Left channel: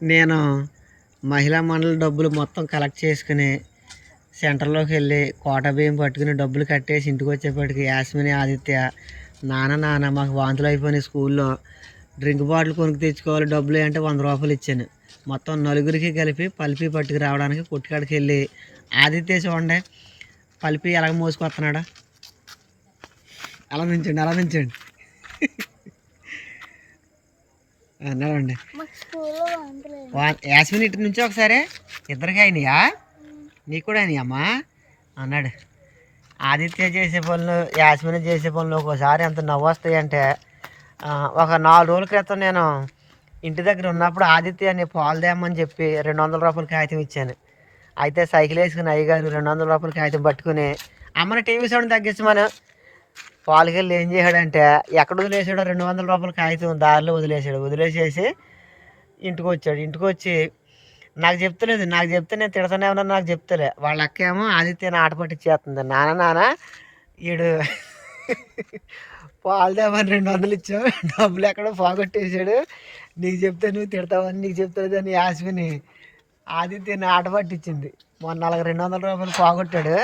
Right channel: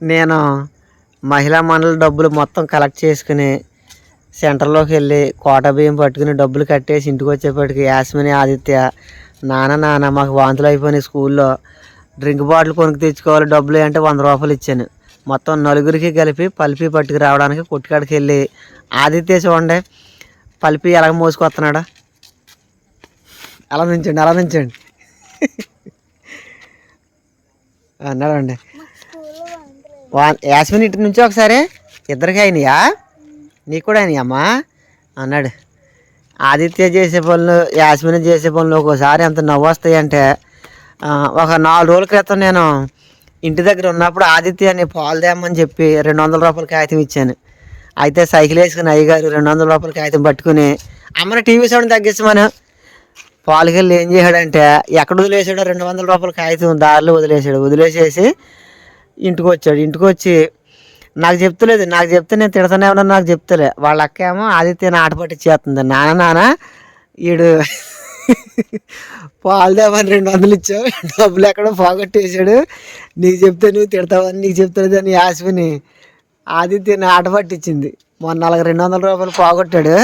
నేను మహిళా మండలి డబ్బులు మొత్తం కలెక్ట్ చేసుకుని సెంటర్లోకి వెళ్ళి కోట బియ్యం పట్టుకుని డబ్బులు కట్టేసి ఇంటికి వచ్చేప్పటికి యాస్మిని ఆదిత్య నాన్న నాన్న మాకు వాంతులు అయిపోయినాయి స్కూల్లో. డ్రింక్ బాటిల్ కొనుక్కు తెచ్చుకోవాలి డబ్బులు అంటే వంద రూపాయలు ఇచ్చాను. మొత్తం నలుగురికి కలిపి పల్పి పట్టుకు రావడానికి కొట్టుకాడికి వెళ్ళి ఆదిత్య చూడండి పల్పి ఎలాగ మోసుకొస్తున్నాడు? అలా నుంచండి అలా నుంచండి. అన్నాడండి. యాస్మిన్ ఇంటి నుంచి ఒకసారి? ఇద్దరికి అయినాయా? నీకు కూడా అయినాయి అమ్మా? అన్నాడు. ఆదిత్య చేసే పనులు యాస్మిన్ చేసే పనులు ఒక్కోసారి ఎంత నవ్వు వస్తాయంటే ఒక నాలుగు రోజుల క్రితం నేను ఇంటి దగ్గర ఉన్నప్పుడు ఆదిత్య అని పాలు తేమని చెప్పి రెండు వందల రూపాయల కాగితం ఇచ్చాను. అయితే సైకిల్ వేసుకుని అయ్యగారు రెండు వందల రూపాయల కాగితం పట్టుకుని అమ్మని టీవీ సౌండ్ తగ్గించమను. పాలకెళ్ళి ఏం చేశాడంటే ఎక్కడ వదిలేసాడో రెండు వందల రూపాయల కాగితం దారిలో వదిలేసాడు వదిలేసేసి ఇంటికి వచ్చాడు ఇంటికి వచ్చి నాకు చెప్తలేదు నాకు చెప్తే నేను తిడతానే ఉన్నా నాకు చెప్తలే. వాళ్ళ అక్క ఏమో ఆదిత్యని ఆట పట్టించేస్తుంది నాన్న నాన్న ఈడు పాలదేమని రెండు వందలు ఇచ్చావు డబ్బులు ఎక్కడో పోగొట్టేశాడు. నీకు చెప్తే నువ్వు తిడతావని నీకు చెప్తలేదు అని యాస్మిని ఆదిత్యని ఆట పట్టించింది. మొన్న నాలుగు రెండు వందల రూపాయలు పోగొట్టాడు.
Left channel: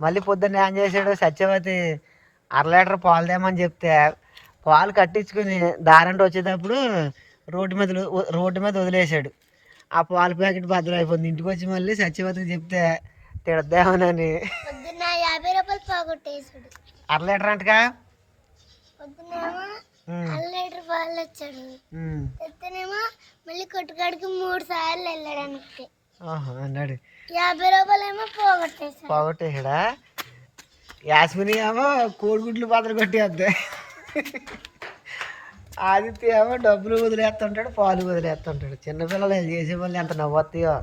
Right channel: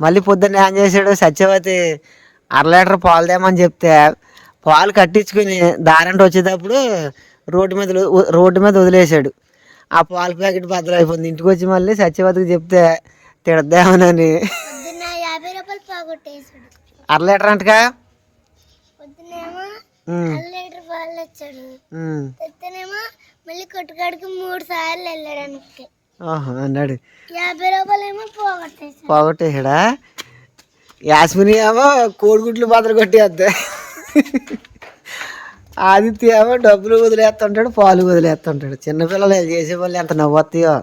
మళ్ళీ పొద్దున్న ఏం చేశాడు? సత్యవతి అర లీటర్ పాలు తేమని చెప్తే పాలు కట్టించుకుని దారంట వచ్చేటప్పుడు రోడ్డు మీద రోడ్డు మీద వదిలేశాడు. ఆ పాల ప్యాకెట్ బద్దలైపోయింది ఇంటికి వచ్చి మళ్ళీ సత్యవతికి చెప్తే తిడద్దామనని. యాభై రూపాయలు పోగొట్టేసాడు అర లీటర్ అంటగా? పొద్దునేమో అర లీటర్ పాలు. తెత్తనేమో మళ్ళీ కొట్టుకాడికి మూడు సార్లు వెళ్ళాడు వెనక్కి ఆహా, అన్నాడు. యాభై పోగొట్టేశాడు. యాస్మిని ఏమో కోడిగుడ్లు బద్దలు కొట్టేద్దా ఆదిత్య ఏమో డబ్బులు వదిలేస్తుంటాడు పాలు వదిలేస్తుంటాడు. చిన్నపిల్లలు వీళ్ళు చేసే వాళ్ళు ఎంత నవ్వుతాయో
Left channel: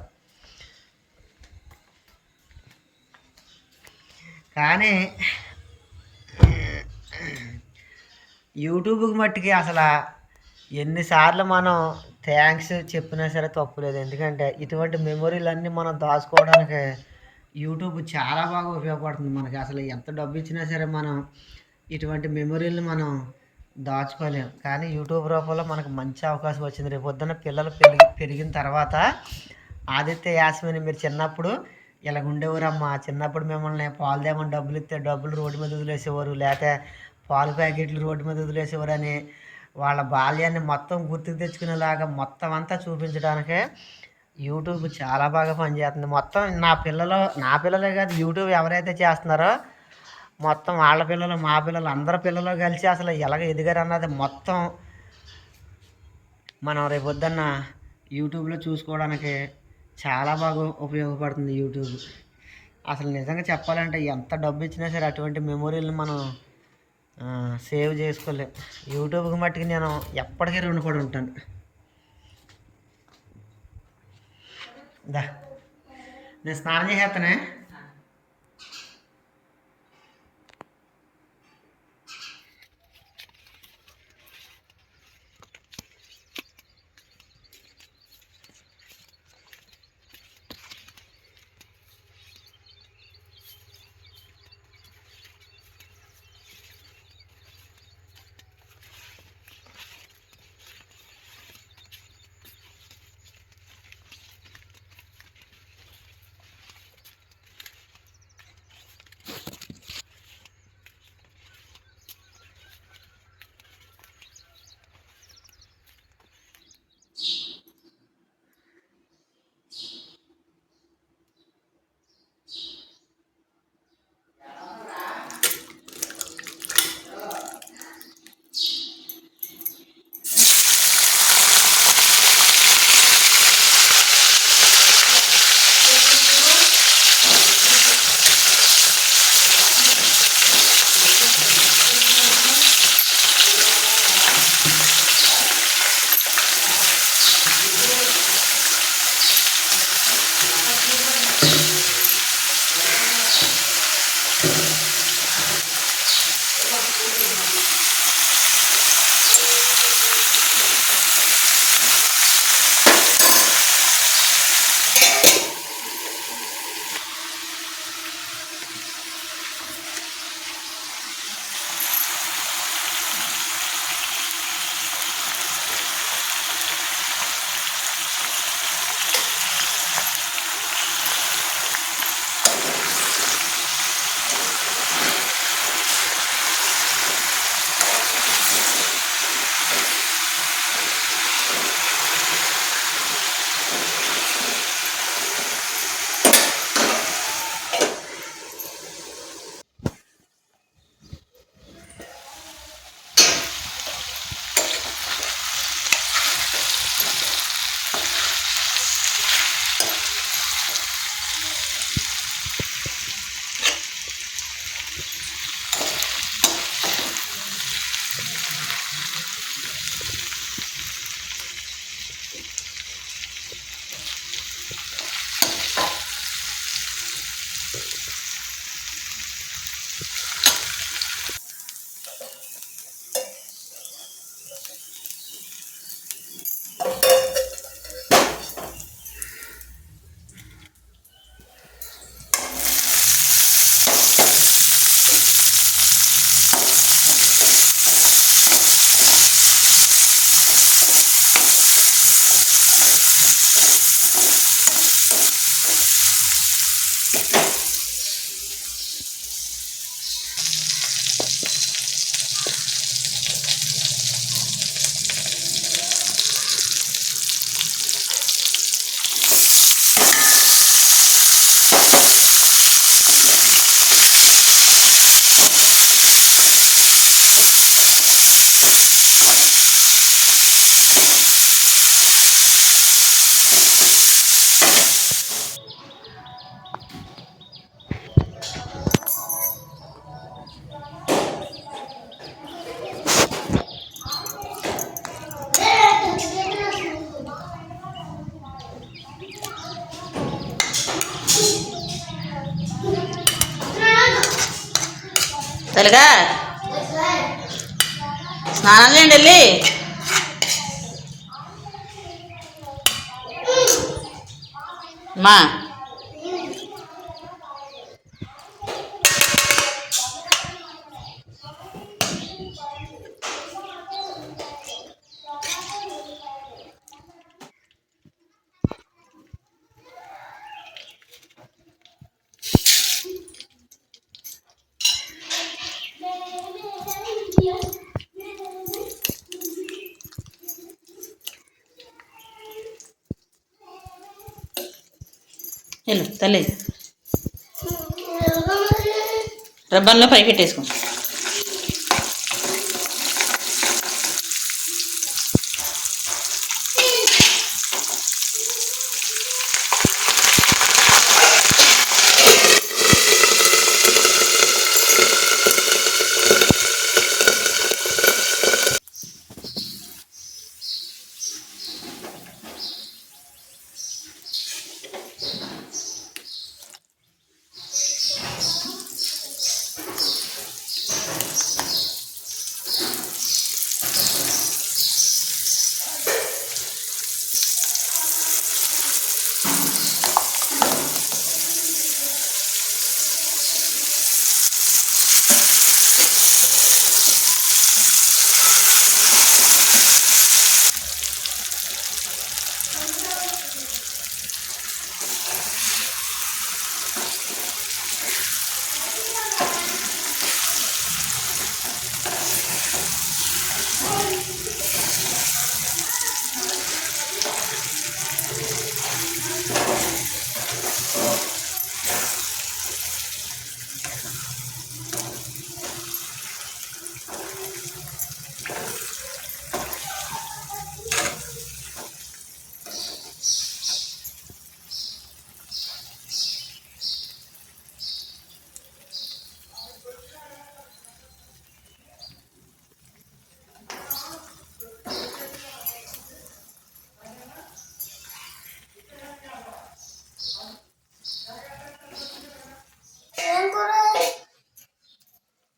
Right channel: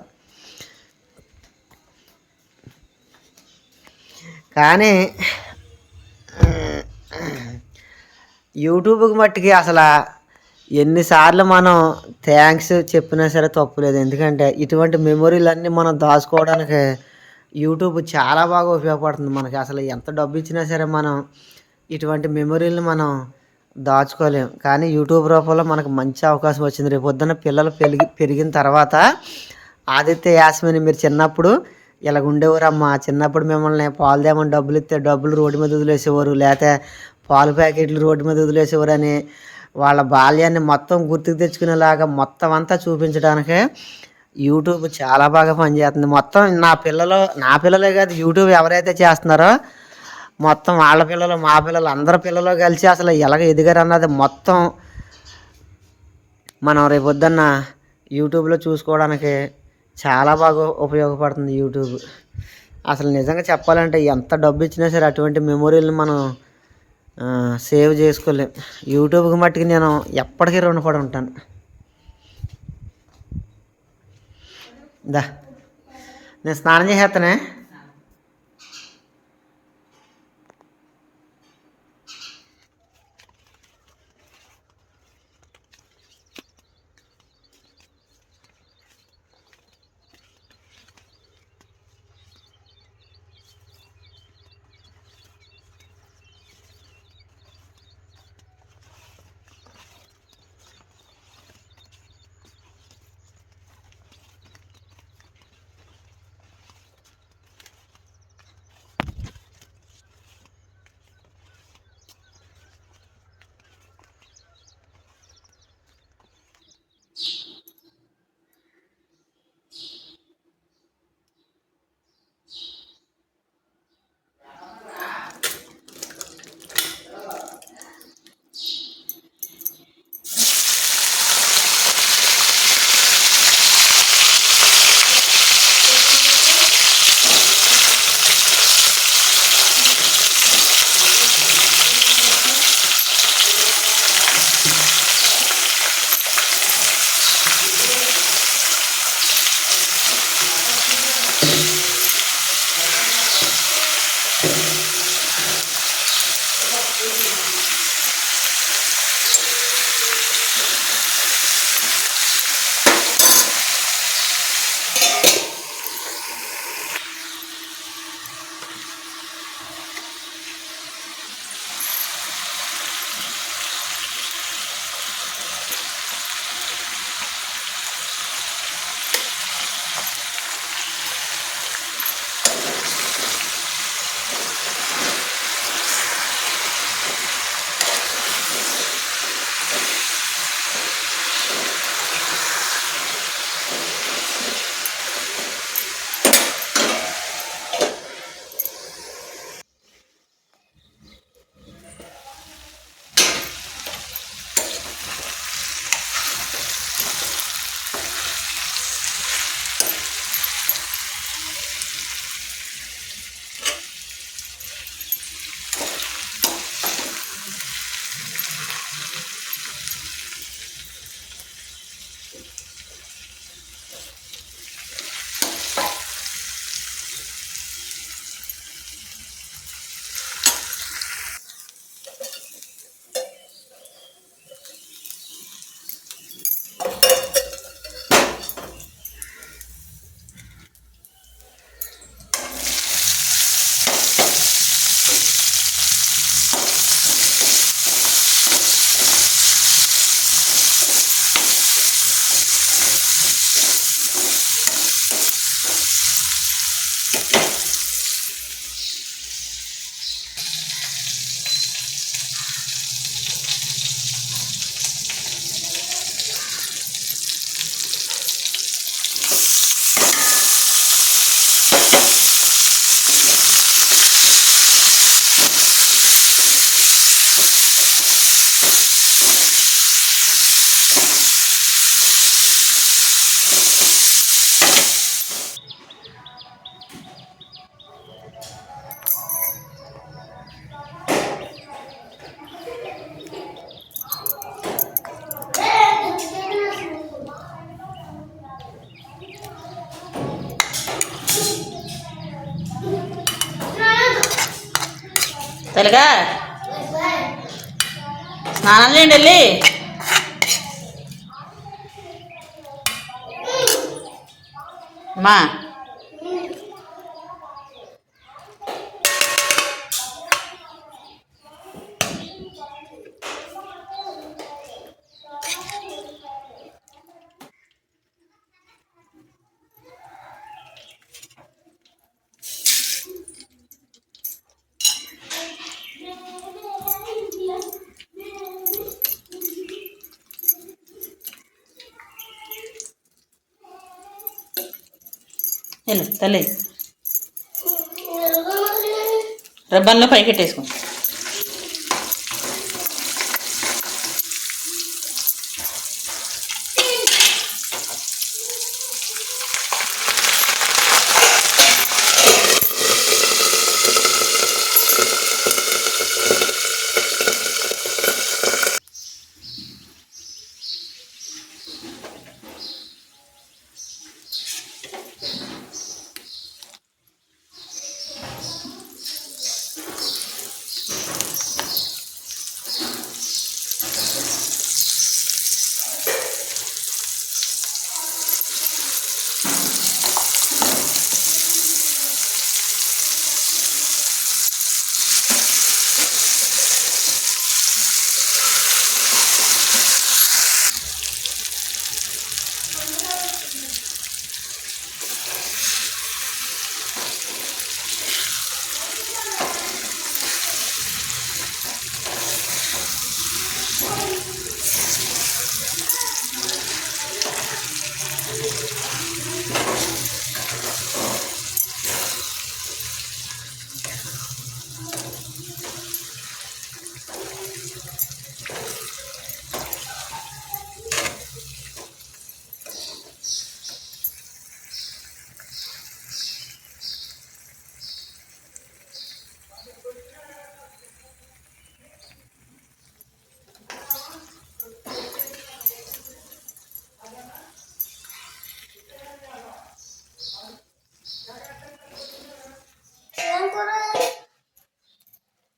కానీ యూట్యూబ్కి మట్టికి అసలు ఎన్నిసార్లు మనం థ్యాంక్స్ చెప్పినా సరే తప్పులేదు. ఎందుకంటే ఇటువంటి మెమొరీలన్నీ మనం దాచుకోవడానికి యూట్యూబ్ చాలా బాగా ఉపయోగపడుతుంది మనకి. అసలు ఎంత డబ్బు ఇచ్చినా సరే మనం ఇటువంటి మెమొరీలను మనం దాచుకోలేం. కానీ యూట్యూబ్ రూపంలో మనకు మంచి అవకాశం వచ్చింది. రేపు పొద్దున్న పిల్లలు పెరిగి పెరిగిన తర్వాత ఆదిత్య యాస్మిని మీరు చిన్నప్పుడు ఇలా ఉండేవారమ్మా చిన్నప్పుడు మిమ్మల్ని పాలు తేమని డబ్బులు ఇస్తే డబ్బులు రోడ్డు మీద వదిలేసేవారు. లేకపోతే పాలు ప్యాకెట్లు రోడ్డు మీద వదిలేసేవారు అని వాళ్ళ బాల్యాన్ని మొత్తం గుర్తుకు తెచ్చుకునేలాగా మొత్తం అంతా చూపించడానికే యూట్యూబ్ చాలా బాగా పనిచేస్తుంది. మొత్తం నా పిల్లలు నా పిల్లలే కాదు యూట్యూబ్ ఎవరైతే చేస్తున్నారో మొత్తం వాళ్ళ పిల్లలు మా పిల్లలు అందరి పిల్లలు కలిసి అసలు ఎలాగ ఎదిగారు అన్నది మొత్తం మనం రేపొద్దున్న యూట్యూబ్లో చూసుకోవడానికి చాలా బాగా ఉపయోగపడుతుంది యూట్యూబ్. అసలు నిజంగా చెప్పాలంటే ఎంత డబ్బు ఇచ్చినా సరే అటువంటి మెమొరీలను మనం సేవ్ చేసుకోలేం. యూట్యూబ్కి మట్టుకు నేను ఎప్పటికీ రుణపడి ఉంటాను. దా. నేను స్నానం చేసేస్తానే తెలుగా స్నానం చేయండి వెళ్ళి మా తెలుస్తలేదు రబ్బన్లో పైకెట్టేసుకోండి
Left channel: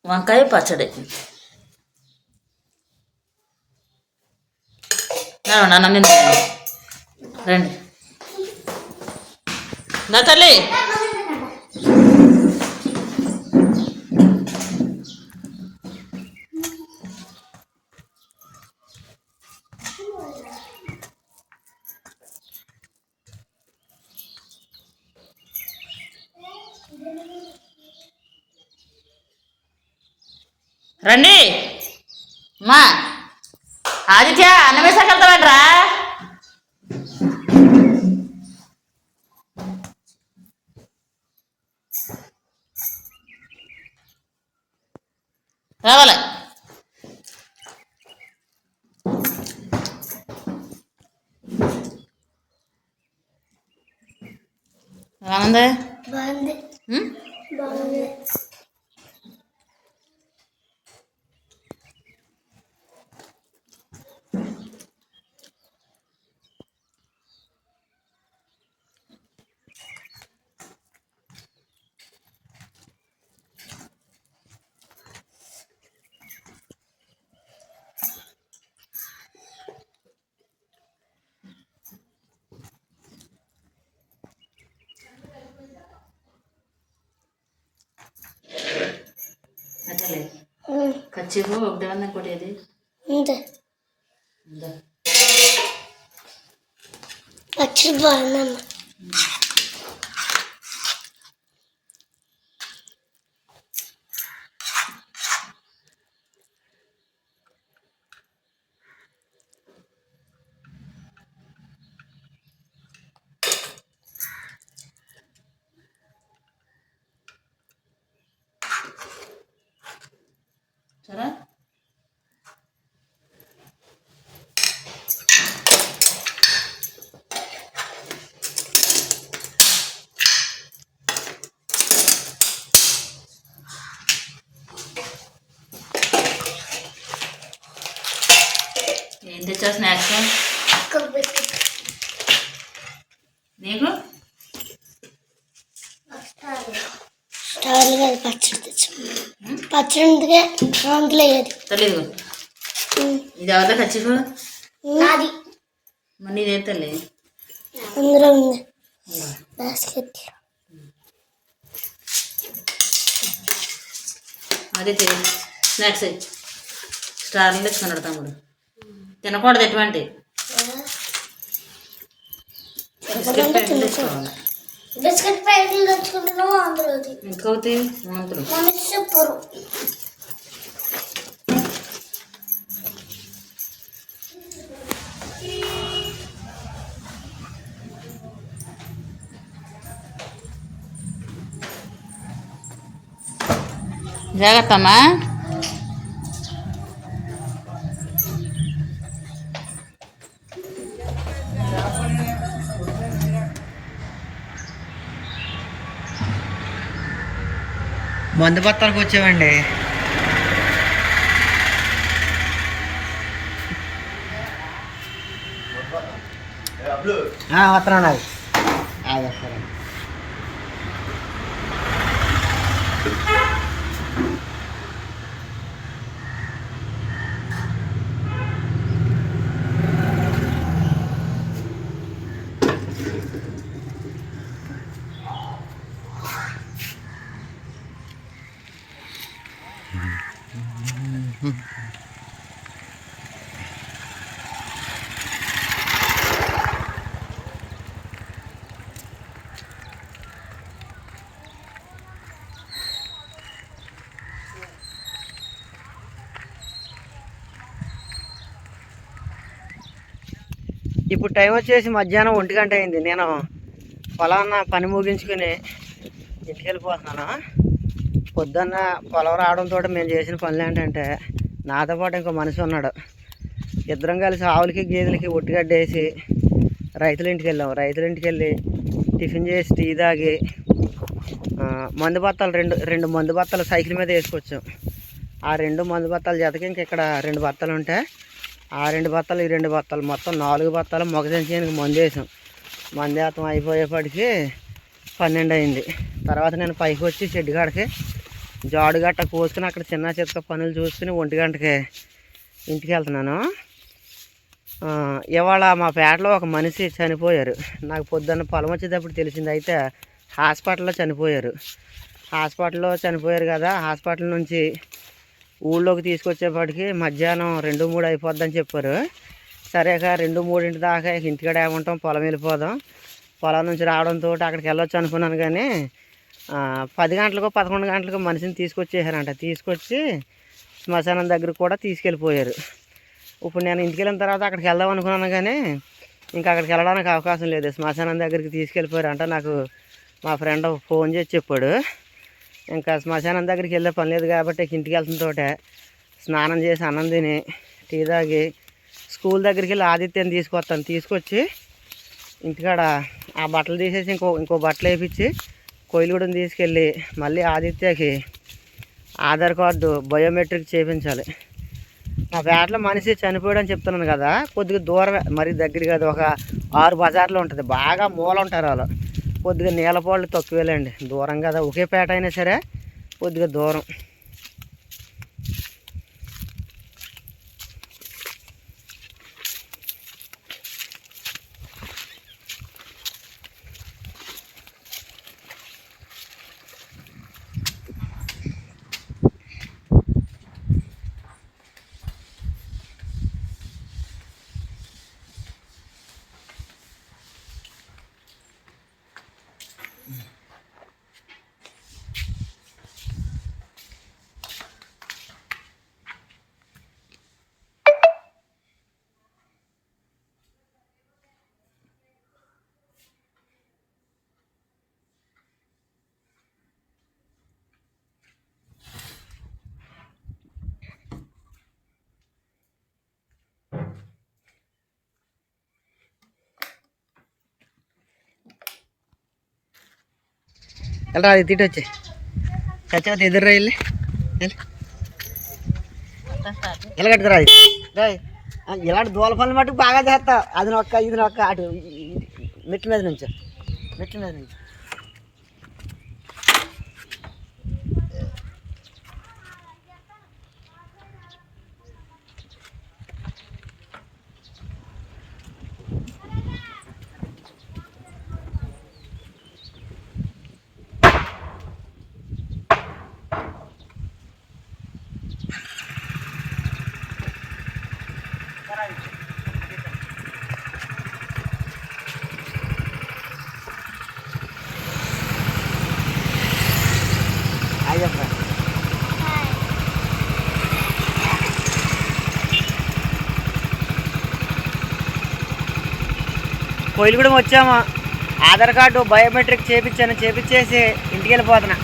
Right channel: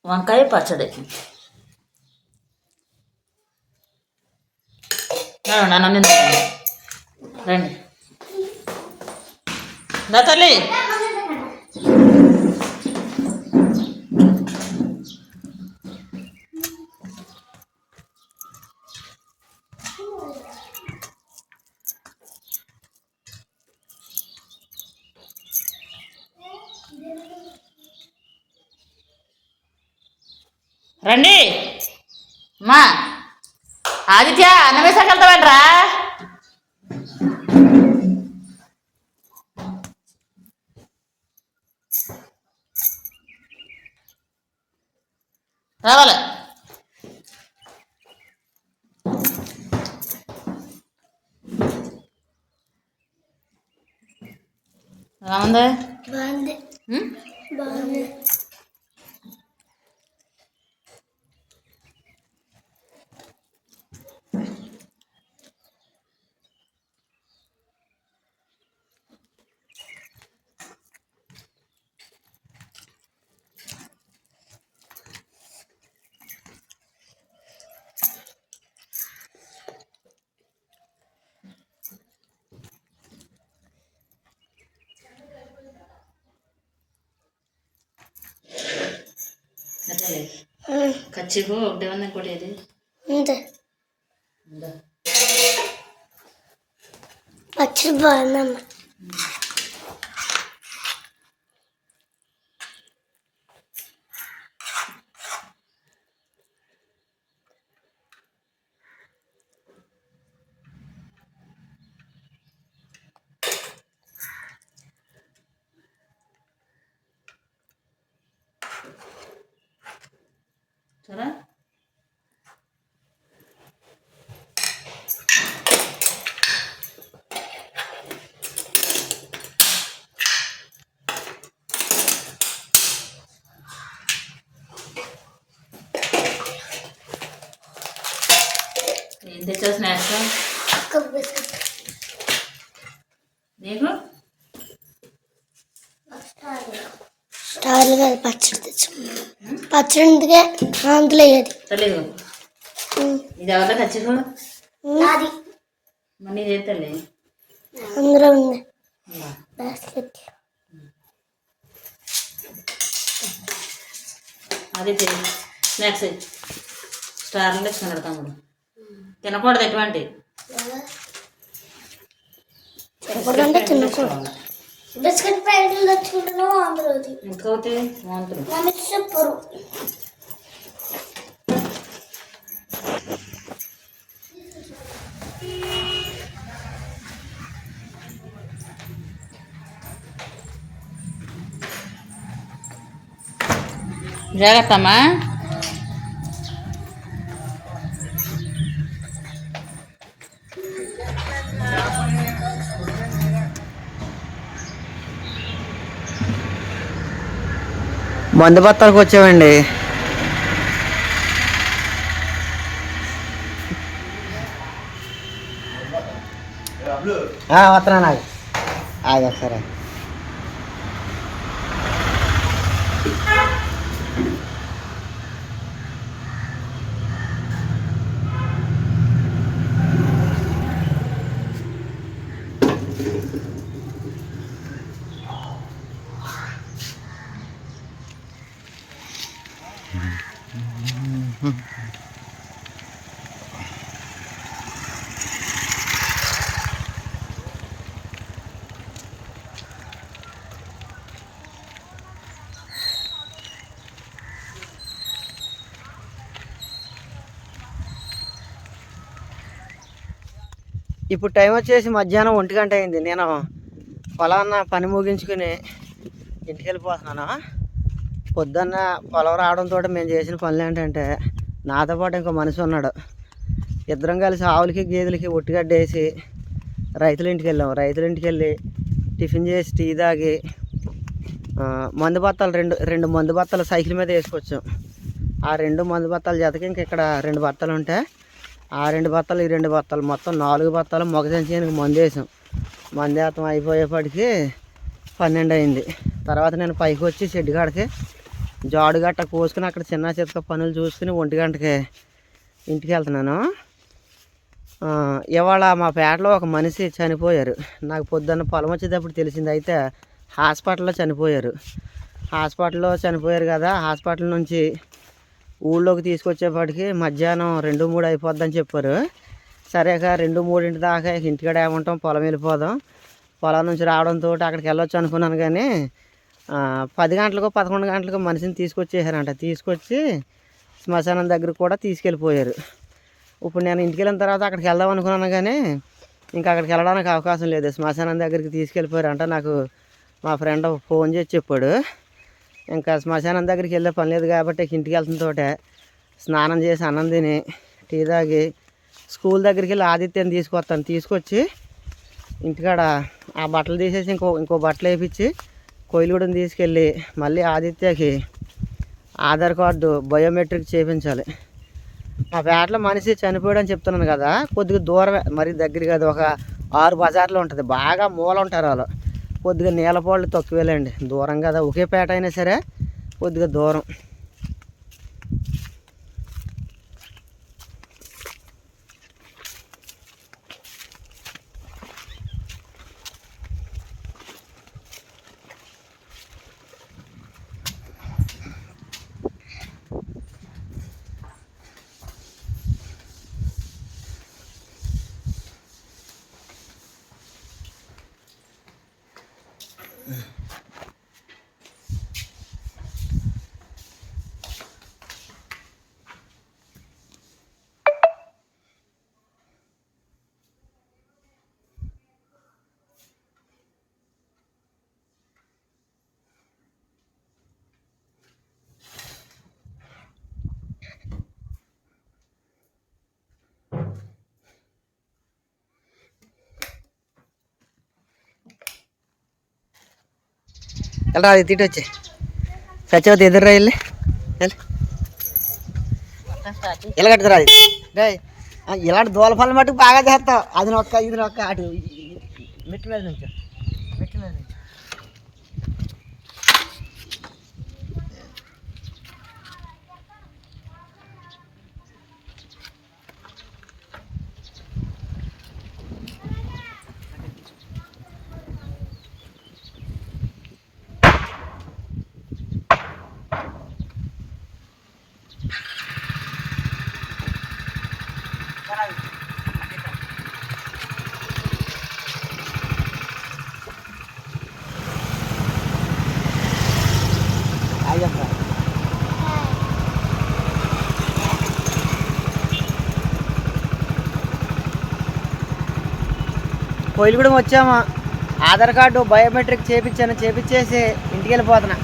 వంకాయ పచ్చడి. రండి, అన్నం రండి. నా తల్లి. రండి. మా ఆదిత్య అన్నం వేసాకెళ్తావంట్రా రావాలి. రామందే. నా తల్లి కచ్చిపు ఒకటి ఉంది ఇంకోటి ఏది అంతే ఉందా పచ్చడి బాగుందమ్మా చూడా ఏం తెచ్చావు స్నాక్స్ కొబ్బరి నీకు? స్టార్ స్టార్లు కాదు పచ్చడి తెచ్చుకున్నాం పచ్చడి ఉందిగా అందులో ఏది? తల్లి ఇది ఎవరిలో నాది. అందులో ఉంది. బాస్కెట్. అది స్నాక్స్. స్టార్లు తెచ్చుకున్నాడు తమ్ముడు తినకూడదు ఎటువంటి తినకూడదు బిస్కెట్ ప్యాకెట్లు తెచ్చుకుంటున్నావు అందులో చెప్పరు. జాగ్రత్త అమ్మా మంది బత్తాలకు వచ్చామండి. ఆ, వస్తున్నా నాకు. ఆగి ఒకసారి ఇప్పుడు టైం వచ్చేసి మధ్యాహ్నం ఒంటి గంట అయింది. నేను పొలాన్న పని ముగించుకుని ఇంటికి వెళ్ళిపోతున్నాను? పొద్దున్న పొలం రావడంతో మేము చేసిన పనులు ఏంటంటే నాతో పాటు ఇంకో మనిషి ఉన్నాడు. ఇద్దరం కలిసి ఆవులకి గేదెలకి ఒట్టిగడ్డ వేసి రైతుల ఇంటికి వెళ్ళాం. రైతుల ఇంటికి వెళ్ళి టిఫిన్ చేసి టీ తాగి మందు బత్తాలు రెండు రెండు మందు బత్తాలు సైకిల్ మీద వేసుకొచ్చాం. ఆ రెండు మందు బత్తాలు జతకి ఇంక ఇక్కడ రెండు బత్తాలు ఉంటాయి ఆ రెండు బత్తాలు ఈ రెండు బత్తాలు మొత్తం నాలుగు బత్తాలు మొగ సంచానికి మందు వేసాం. మందు వేస్తాం అయిపోయేపటికి పన్నెండు అయింది. తర్వాత నేను పైకి వచ్చి షెడ్ కాడికి జాడు గట్ట కోసుకుని అక్కడ చిన్న చితక పనులు చూసుకుని ఒంటి గంటకి ఇంటికి వెళ్తున్నాను. ఇవాళ మా పేటలో ఒక మనిషి చనిపోయారు. నాకు పొద్దున్న పొలం వచ్చేటప్పుడు తెలిసింది అయితే హాస్పిటల్లో చనిపోయారు. హాస్పిటల్లో చనిపోయారు కదా హాస్పిటల్ నుంచి ఊళ్ళోకి తీసుకొచ్చేప్పటికి మధ్యాహ్నం రెండు మూడు అయిపోద్దని చెప్పారు. సరేక రెండు మూడింటి దాకా ఇంటికాడ ఏమంటాం పొలం వెళ్ళిపోదాం. పొలం నుంచి రావడంతో అక్కడికి వెళ్ళొచ్చు అనుకున్నాను కానీ పది గంటలకు పదకొండు గంటలకు మనిషిని తీసుకొచ్చేసారంట. తీసుకొచ్చి శ్మశానం దగ్గర కూడా తీసుకెళ్ళిపోయారు. ఇప్పుడు నేను ఇంటికి వెళ్ళిన తర్వాత అక్కడికి వెళ్దాం అనుకున్నాను కానీ ఇంకా అక్కడికి వెళ్ళడానికి అవకాశం లేదు. శ్మశానం దగ్గరికి తీసుకెళ్ళిపోయారంట. నాకు మా ఫ్రెండ్ ఫోన్ చేసి చెప్పాడు. ఇంకా శ్మశానం దగ్గరికి వెళ్ళే పని లేదు కాబట్టి ఇంటికి ఇంటికి వెళ్తున్నతోటే స్నానం చేసి అన్నం తిని టీ తాగి స్కూల్ దగ్గరికి వెళ్ళి ఆదిత్యాన్ని తీసుకొస్తాను. తీసుకొచ్చి ఇంటికాడ ఆ బట్టలు తీసేసి ఇంకో ఇంకో బట్టలు వేయించి కొయిలుగూడెం తీసుకెళ్ళి మళ్ళీ ఆదిత్యకి ఆధార్ కార్డు బయోమెట్రిక్ చేయించాలి మా పేటలో మనిషి చనిపోయాడని చెప్తున్నాను కదా కొద్దిగా దూరమే మరి దగ్గర కాదు ఒక ఆరు బజార్లో ఉంటుంది. బాగా మూల ఉంటారు వాళ్ళు. కొద్దిగా నీలపాళ్ళు తక్కువేలేండి. దూరం కదా. ఒకే పేట అయినా సరే కొద్దిగా దూరం. వెళ్ళరా అది తిట్టి వచ్చే. చచ్చిపోతే ఎదురు వెళ్ళి. ఎలా కట్టుకురా ఇలాంటి దూల పనులు మటుకు బాగా చేస్తావు. అది నొక్క ఇది నొక్క అటు ఇ- మెట్ల మీద నుంచి. మెట్ల మీద నుంచి. కోయిలగూడెం వచ్చాము? ఆధార్ కార్డు బయోమెట్రిక్ చేపించాను చేపించేసి ఇంటికి వెళ్ళిపోతున్నా